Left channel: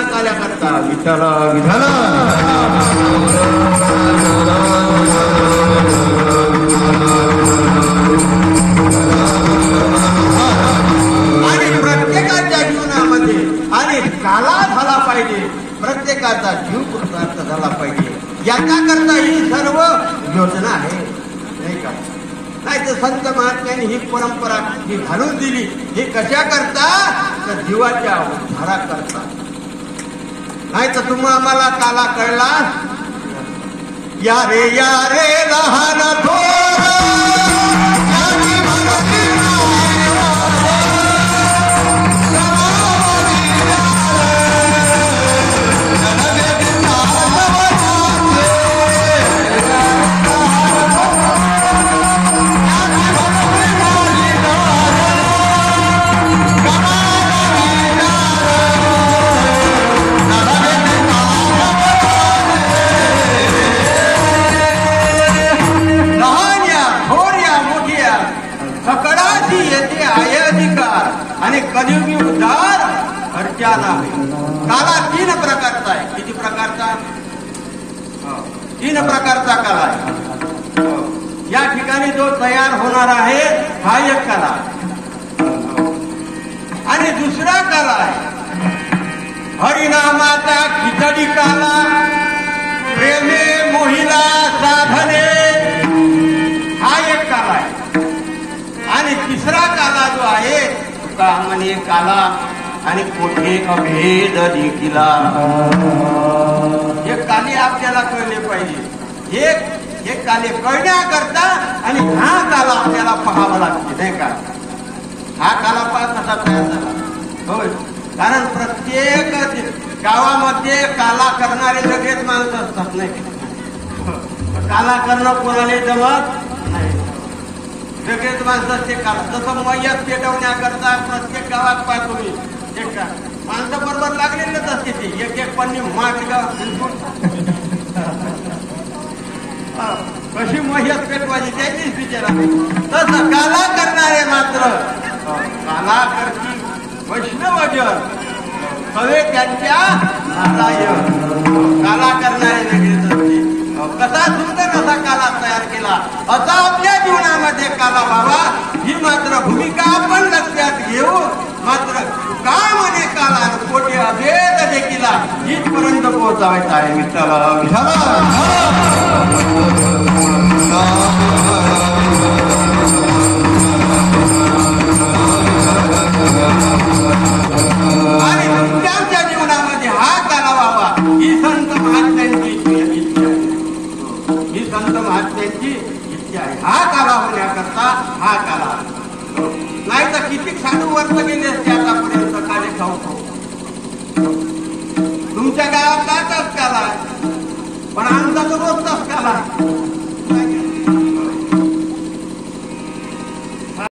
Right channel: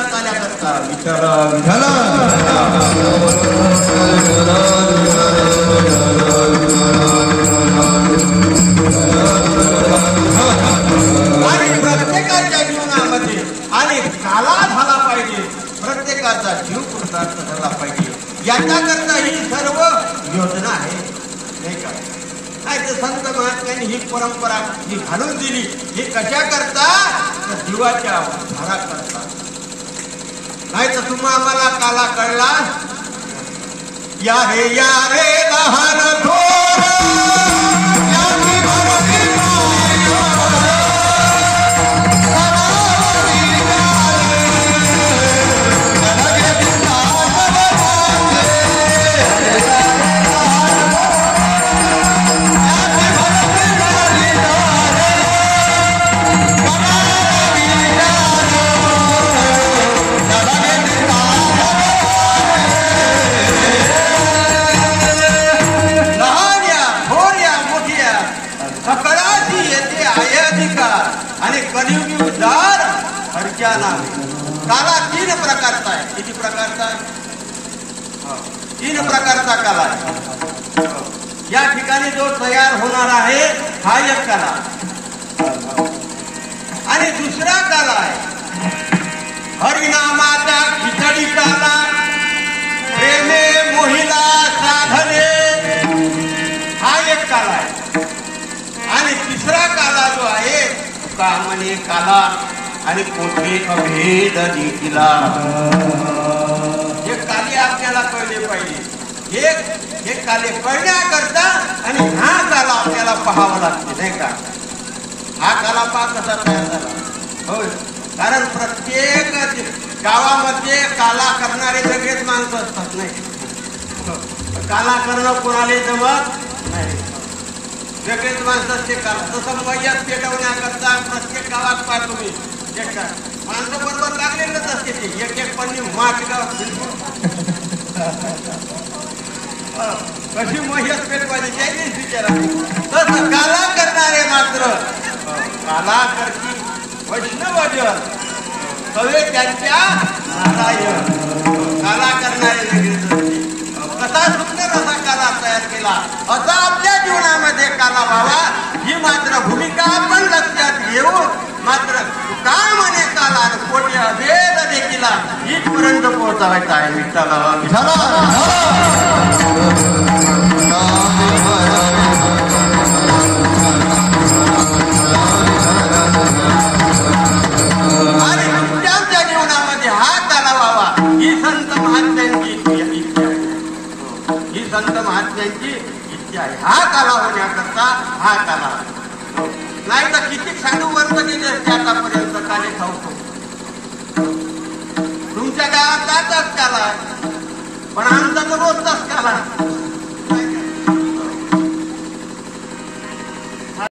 जीवना काल्या करता विठ्ठल विठ्ठल. आणि प्रत्येकाच्या जीवनामध्ये आणि काला झाला पाहिजे, प्रत्येकाचा जीव कृतार्थ झाला पाहिजे, याच्याकरता ही सर्व योजना आहे नाही का. नाही तर संत महात्म्यांनी ही परंपरा ही घालून दिली. हे कशा करता तर जीवाच्या उद्धारा करता. नाही तर तुम्हा आम्हाला काला कळला. या रे लहान थोर कलियुगी उद्धार अर्चाना. काला 3 प्रकारचा आहे. किती प्रकारचा? 3 प्रकारचा काला आहे. या ठिकाणी जो तयार होणार आहे हा एक काला आणि दुसरा काला आहे हरिनामाचा खिचडी काला, प्रेमे मोहिला साधने हा एक काला आहे. आणि तिसरा काला जो आहे म्हणे काला आणि कोठे भेद जिंकला. हे काले आपल्याला कळले पाहिजे. हे काले कळण्याकरता आणि हा काला आपल्याला पाहावा लागते नाही का. हा काला पहा कसा तयार झाला. होय, कारण प्रत्येक गावामध्ये काला करणारे सगळेच माणसं असतात नाही. काला करणं कोणाला जमत नाही. सगळेच माणसं ते काला. तसं वयात पेटवण्याकरता प्रत्येक गावात पाठवली माणसं बरोबर लागलेलेच असते. ते एक पन्नी माटलं कशी महियत पेटवायची त्यांनीच विचारा. तसं काला करणारे मात्र काला करती वैष्णवजन सवे त्यांच्या नारायण. काला करणारे वेगळेच असते. कसा सुंदर असा काला तयार केला. असा आपल्या जीवनामध्ये काला व्हावा ही मात्र भूमिका आपण लक्षात घेऊन मात्र काय म्हणे काला कोटी अभेद देखील इथपर्यंत पोहोचावायचा आहे. विठ्ठल आणि तुमच्या जीवनामध्ये हा काला व्हावा ही संत महात्म्यांची इच्छा आहे. ही संत महात्म्यांची इच्छा आहे. हा काला होण्याकरता हा काला. नाही तर किती सांगू वर्ष गेले असते आतापर्यंत काले खावतो. तुमच्या गावात काच काला पण आमचा तो रोजचाच काला.